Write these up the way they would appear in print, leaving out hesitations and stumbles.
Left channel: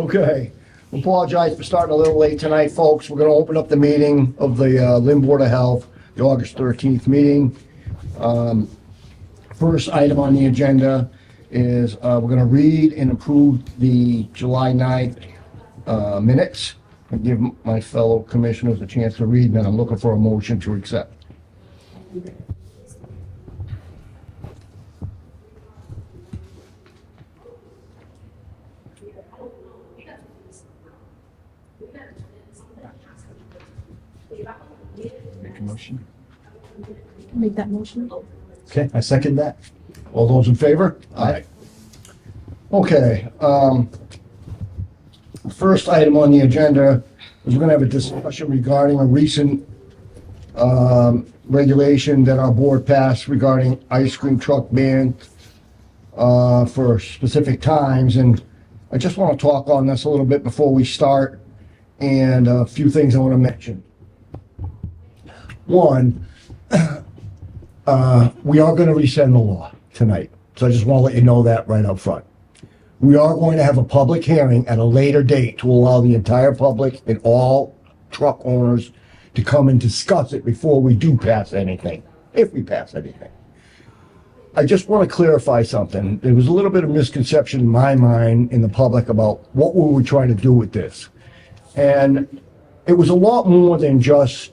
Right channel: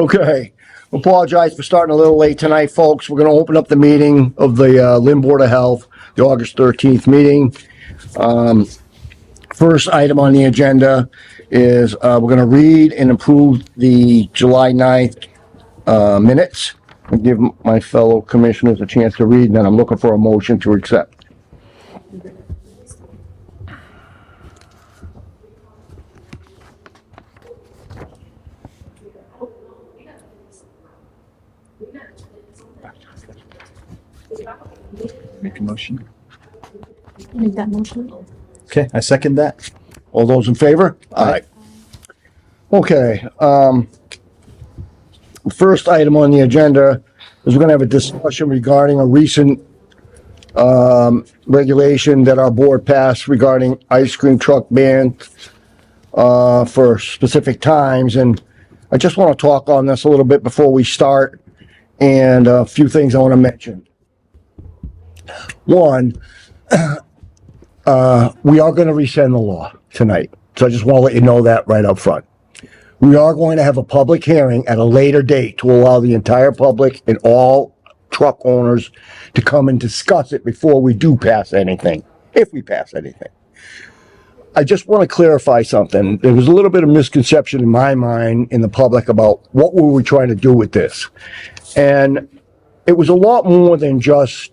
Okay, apologize for starting a little late tonight, folks. We're gonna open up the meeting of the Lynn Board of Health, the August 13th meeting. First item on the agenda is we're gonna read and approve the July 9th minutes. And give my fellow commissioners a chance to read, and then I'm looking for a motion to accept. Make a motion. Make that motion. Okay, I second that. All those in favor? Aye. Okay, first item on the agenda is we're gonna have a discussion regarding a recent regulation that our board passed regarding ice cream truck ban for specific times, and I just want to talk on this a little bit before we start, and a few things I want to mention. One, we are going to rescind the law tonight, so I just want to let you know that right up front. We are going to have a public hearing at a later date to allow the entire public and all truck owners to come and discuss it before we do pass anything, if we pass anything. I just want to clarify something. There was a little bit of misconception in my mind, in the public, about what were we trying to do with this. And it was a lot more than just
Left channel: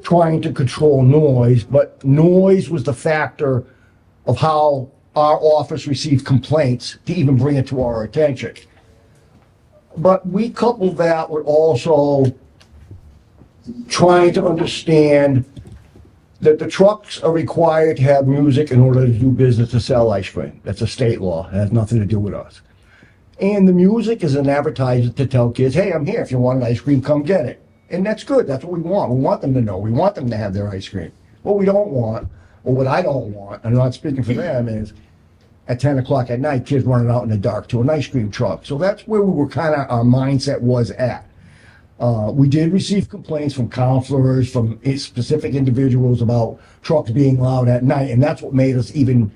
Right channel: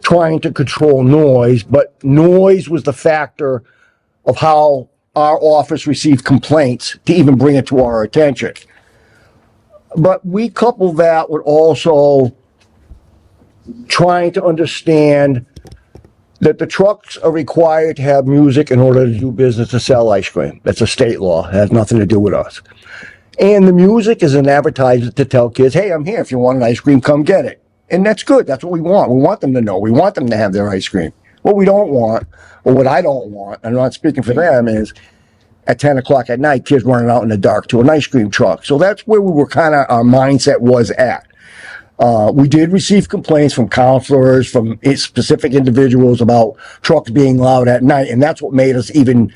trying to control noise, but noise was the factor of how our office received complaints to even bring it to our attention. But we couple that with also trying to understand that the trucks are required to have music in order to do business, to sell ice cream. That's a state law. It has nothing to do with us. And the music is an advertisement to tell kids, hey, I'm here. If you want an ice cream, come get it. And that's good. That's what we want. We want them to know. We want them to have their ice cream. What we don't want, or what I don't want, I'm not speaking for them, is at 10 o'clock at night, kids running out in the dark to an ice cream truck. So that's where we were kind of, our mindset was at. We did receive complaints from counselors, from specific individuals about trucks being loud at night, and that's what made us even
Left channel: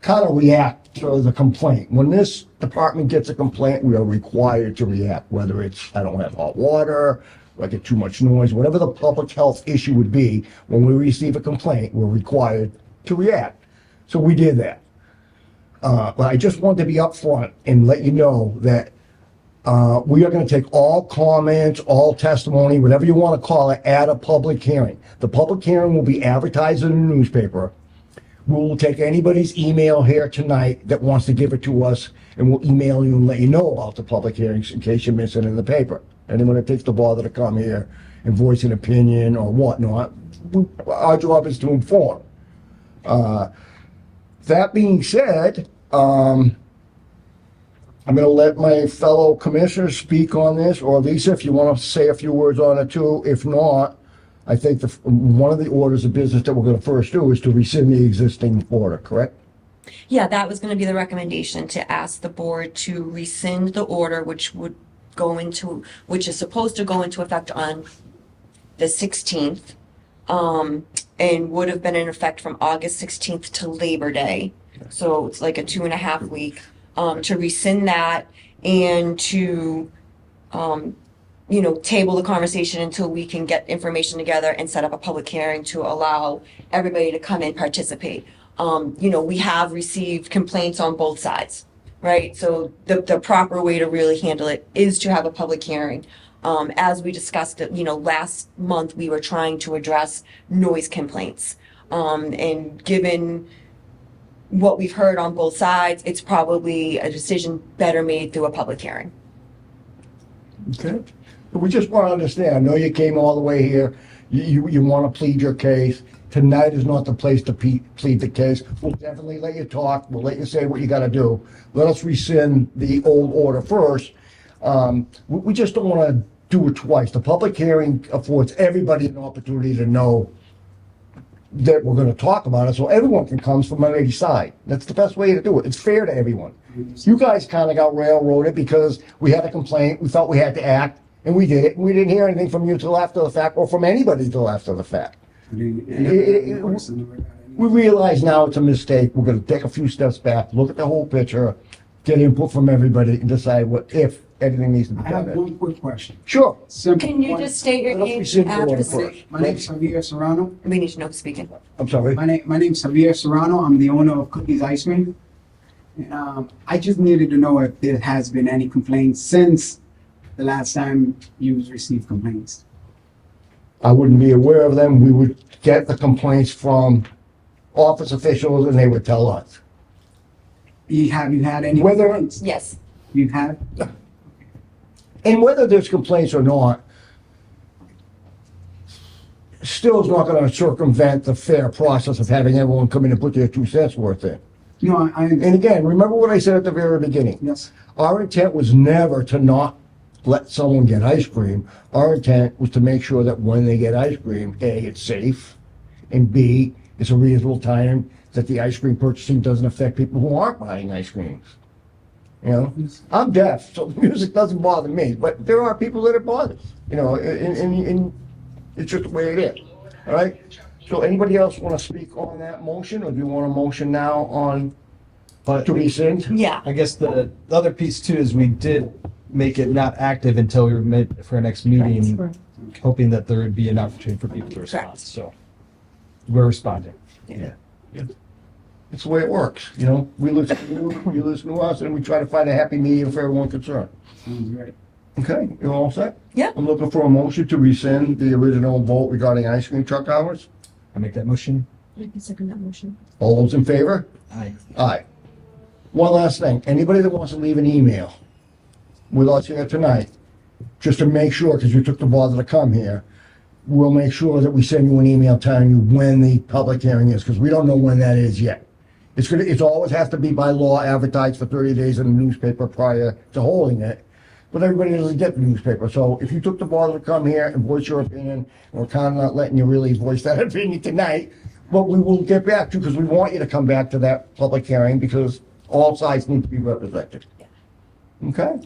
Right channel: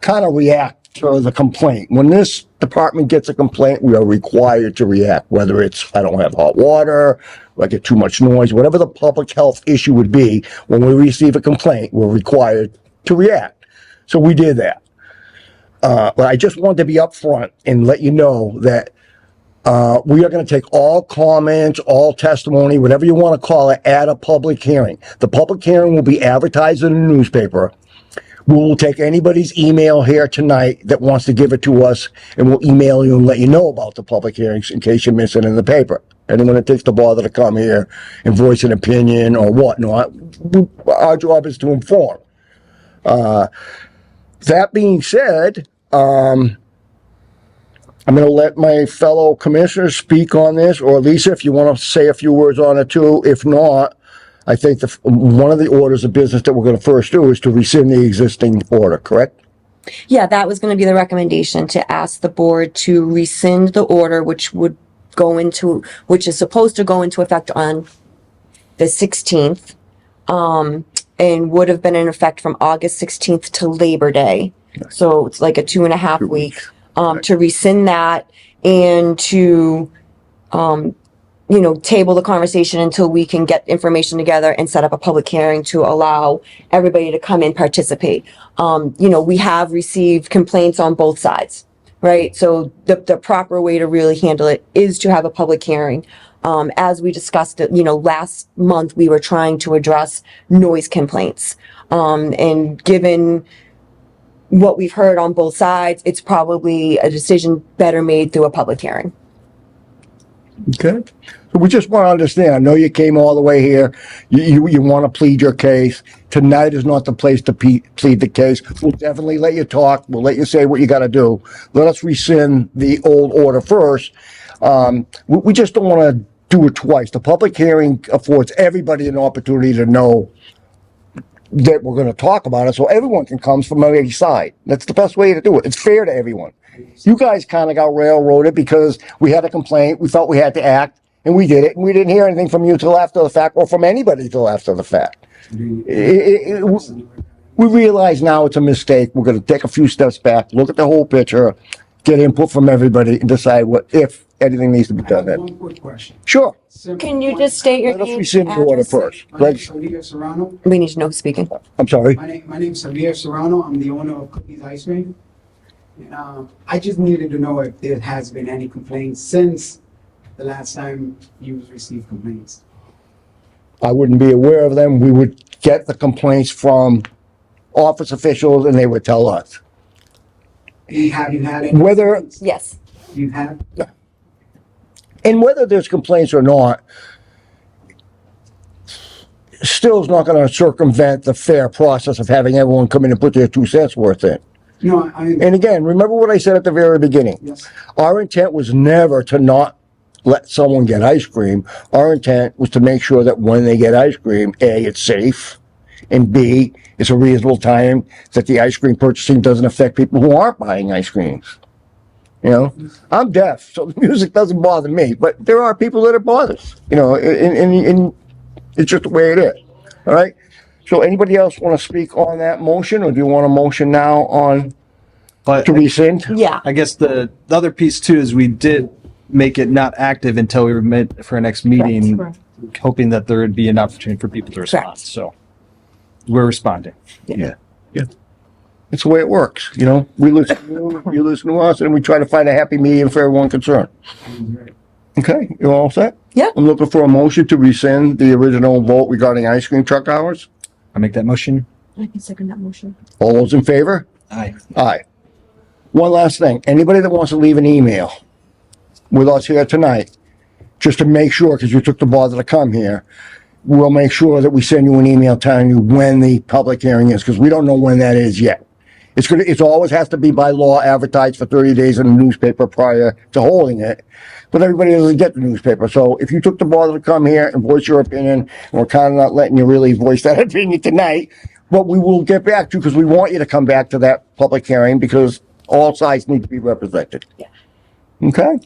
kind of react to the complaint. When this department gets a complaint, we are required to react, whether it's, I don't have hot water, I get too much noise, whatever the public health issue would be. When we receive a complaint, we're required to react. So we did that. But I just wanted to be upfront and let you know that we are going to take all comments, all testimony, whatever you want to call it, at a public hearing. The public hearing will be advertised in the newspaper. We'll take anybody's email here tonight that wants to give it to us, and we'll email you and let you know about the public hearings in case you miss it in the paper. Anyone that takes the bother to come here and voice an opinion or whatnot, our job is to inform. That being said, I'm going to let my fellow commissioners speak on this, or Lisa, if you want to say a few words on it too. If not, I think one of the orders of business that we're going to first do is to rescind the existing order, correct? Yeah, that was going to be the recommendation, to ask the board to rescind the order, which is supposed to go into effect on the 16th, and would have been in effect from August 16th to Labor Day. So it's like a 2.5 week, to rescind that and to, table the conversation until we can get information together and set up a public hearing to allow everybody to come and participate. We have received complaints on both sides, right? So the proper way to really handle it is to have a public hearing. As we discussed it, last month, we were trying to address noise complaints. And given what we've heard on both sides, it's probably a decision better made through a public hearing. Okay. So we just want to understand, I know you came all the way here. You want to plead your case. Tonight is not the place to plead the case. We'll definitely let you talk. We'll let you say what you got to do. Let us rescind the old order first. We just don't want to do it twice. The public hearing affords everybody an opportunity to know that we're going to talk about it, so everyone can come from every side. That's the best way to do it. It's fair to everyone. You guys kind of got railroaded because we had a complaint. We felt we had to act, and we did it. And we didn't hear anything from you till after the fact, or from anybody till after the fact. We realize now it's a mistake. We're going to take a few steps back, look at the whole picture, get input from everybody and decide what, if anything needs to be I done have then. one quick question. Sure. Simple Can you one. just state your Let's name? rescind the order address? first. My name's Javier Serrano. We need to know who's speaking. I'm sorry. My name's Javier Serrano. I'm the owner of Cookies Ice Cream. And, I just needed to know if there has been any complaints since the last time you received complaints. I wouldn't be aware of them. We would get the complaints from office officials and they would tell us. Have you had any? Whether- complaints? Yes. You have? And whether there's complaints or not, still is not gonna circumvent the fair process of having everyone come in and put their 2 cents worth in. No, I And again, remember what I said at the very beginning. yes. Our intent was never to not let someone get ice cream. Our intent was to make sure that when they get ice cream, A, it's safe, and B, it's a reasonable time that the ice cream purchasing doesn't affect people who aren't buying ice creams. You know, I'm deaf, so the music doesn't bother me, but there are people that it bothers, you know, and it's just the way it is. All right? So anybody else want to speak on that motion, or do you want a motion now on But to rescind? Yeah. I guess the other piece too is we did make it not active until we were met for our next meeting, hoping that there would be an opportunity for people to respond. Correct. So we're responding. Yeah. Yeah. It's the way it works, you know? We listen to you, you listen to us, and we try to find a happy medium for everyone concerned. Right. Okay, you all set? Yeah. I'm looking for a motion to rescind the original vote regarding ice cream truck hours. I make that motion. I can second that motion. All those in favor? Aye. Aye. One last thing, anybody that wants to leave an email with us here tonight, just to make sure, because you took the bother to come here, we'll make sure that we send you an email telling you when the public hearing is, because we don't know when that is yet. It's always has to be by law advertised for 30 days in the newspaper prior to holding it. But everybody doesn't get the newspaper. So if you took the bother to come here and voice your opinion, and we're kind of not letting you really voice that opinion tonight, but we will get back to you because we want you to come back to that public hearing because all sides need to be represented. Yeah. Okay?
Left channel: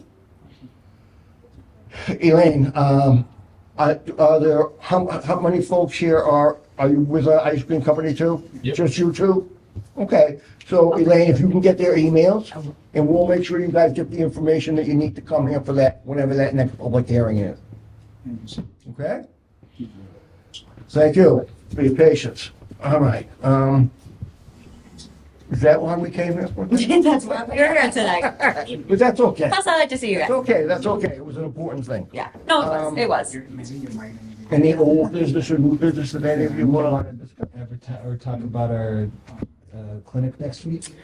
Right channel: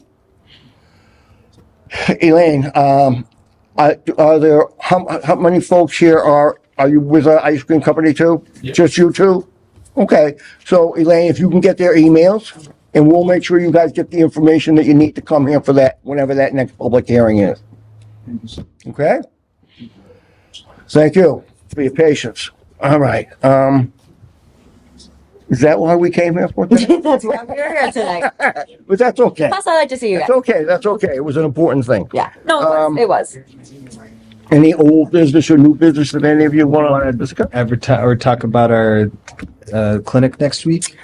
Elaine, are there, how many folks here are you with an ice cream company too? Just you two? Okay, so Elaine, if you can get their emails, and we'll make sure you guys get the information that you need to come here for that, whenever that next public hearing is. Thank you, sir. Okay? Thank you for your patience. All right, is that why we came here for today? That's why we're here tonight. But that's okay. Plus, I like to see you guys. That's okay, that's okay. It was an important thing. Yeah. No, it was. It was. Any old business or new business that any of you want to discuss? Advertise or talk about our clinic next week.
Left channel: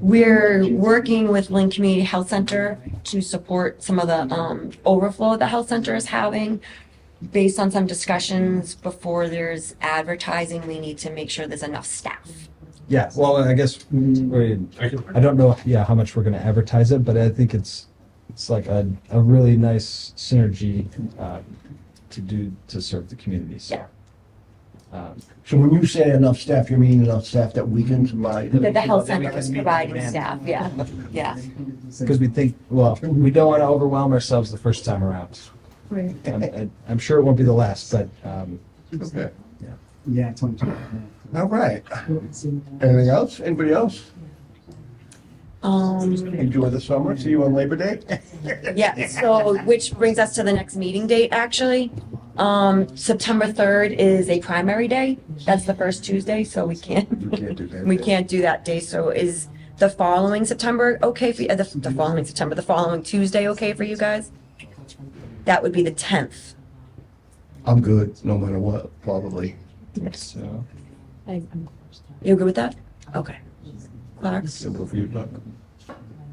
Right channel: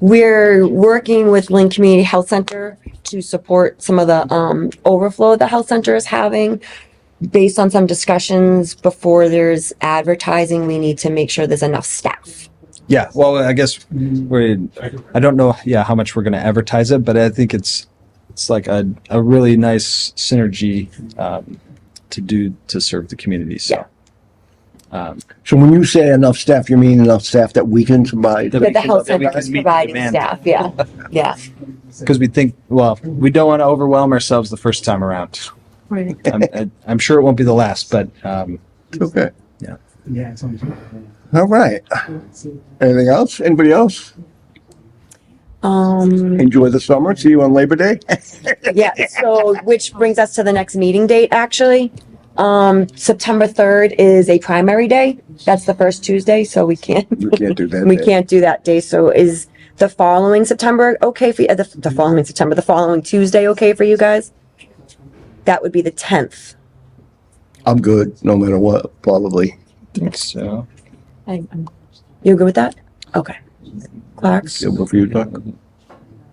We're working with Lynn Community Health Center to support some of the overflow the health center is having. Based on some discussions before there's advertising, we need to make sure there's enough staff. Yeah. Well, I guess I don't know. Yeah, how much we're going to advertise it, but I think it's like a really nice synergy to serve the community. So. So when you say enough staff, you mean enough staff that we can provide? That we That the can- health that we center can is meet the providing demand. staff. Yeah. Yeah. Because we think, well, we don't want to overwhelm ourselves the first time around. Right. I'm sure it won't be the last, but Okay. Yeah, it's only. All right. Anything else? Anybody else? Enjoy the summer. See you on Labor Day. Yeah, so which brings us to the next meeting date, actually. September 3rd is a primary day. That's the first Tuesday, so we can't. We can't do that We day. can't do that day. So is the following September okay for you? The following September, the following Tuesday okay for you guys? That would be the 10th. I'm good, no matter what, probably. I think so. You good with that? Okay. Clark's? Good for you, Doc?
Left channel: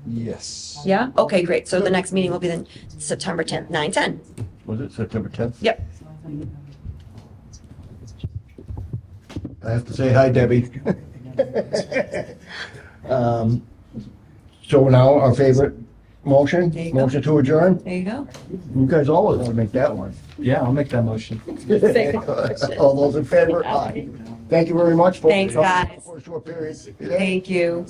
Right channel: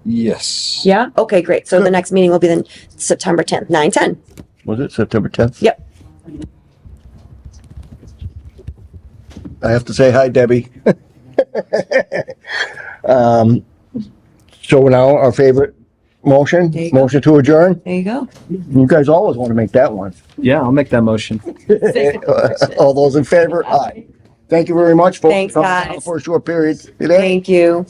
Yes. Yeah? Okay, great. So the next meeting will be then September 10th, 9:10. Was it September 10th? Yep. I have to say hi, Debbie. So now our favorite motion, There you go. motion to adjourn. There you go. You guys always want to make that one. Yeah, I'll make that motion. All those in favor? Aye. Thank you very much for Thanks, coming out guys. for a short period today. Thank you.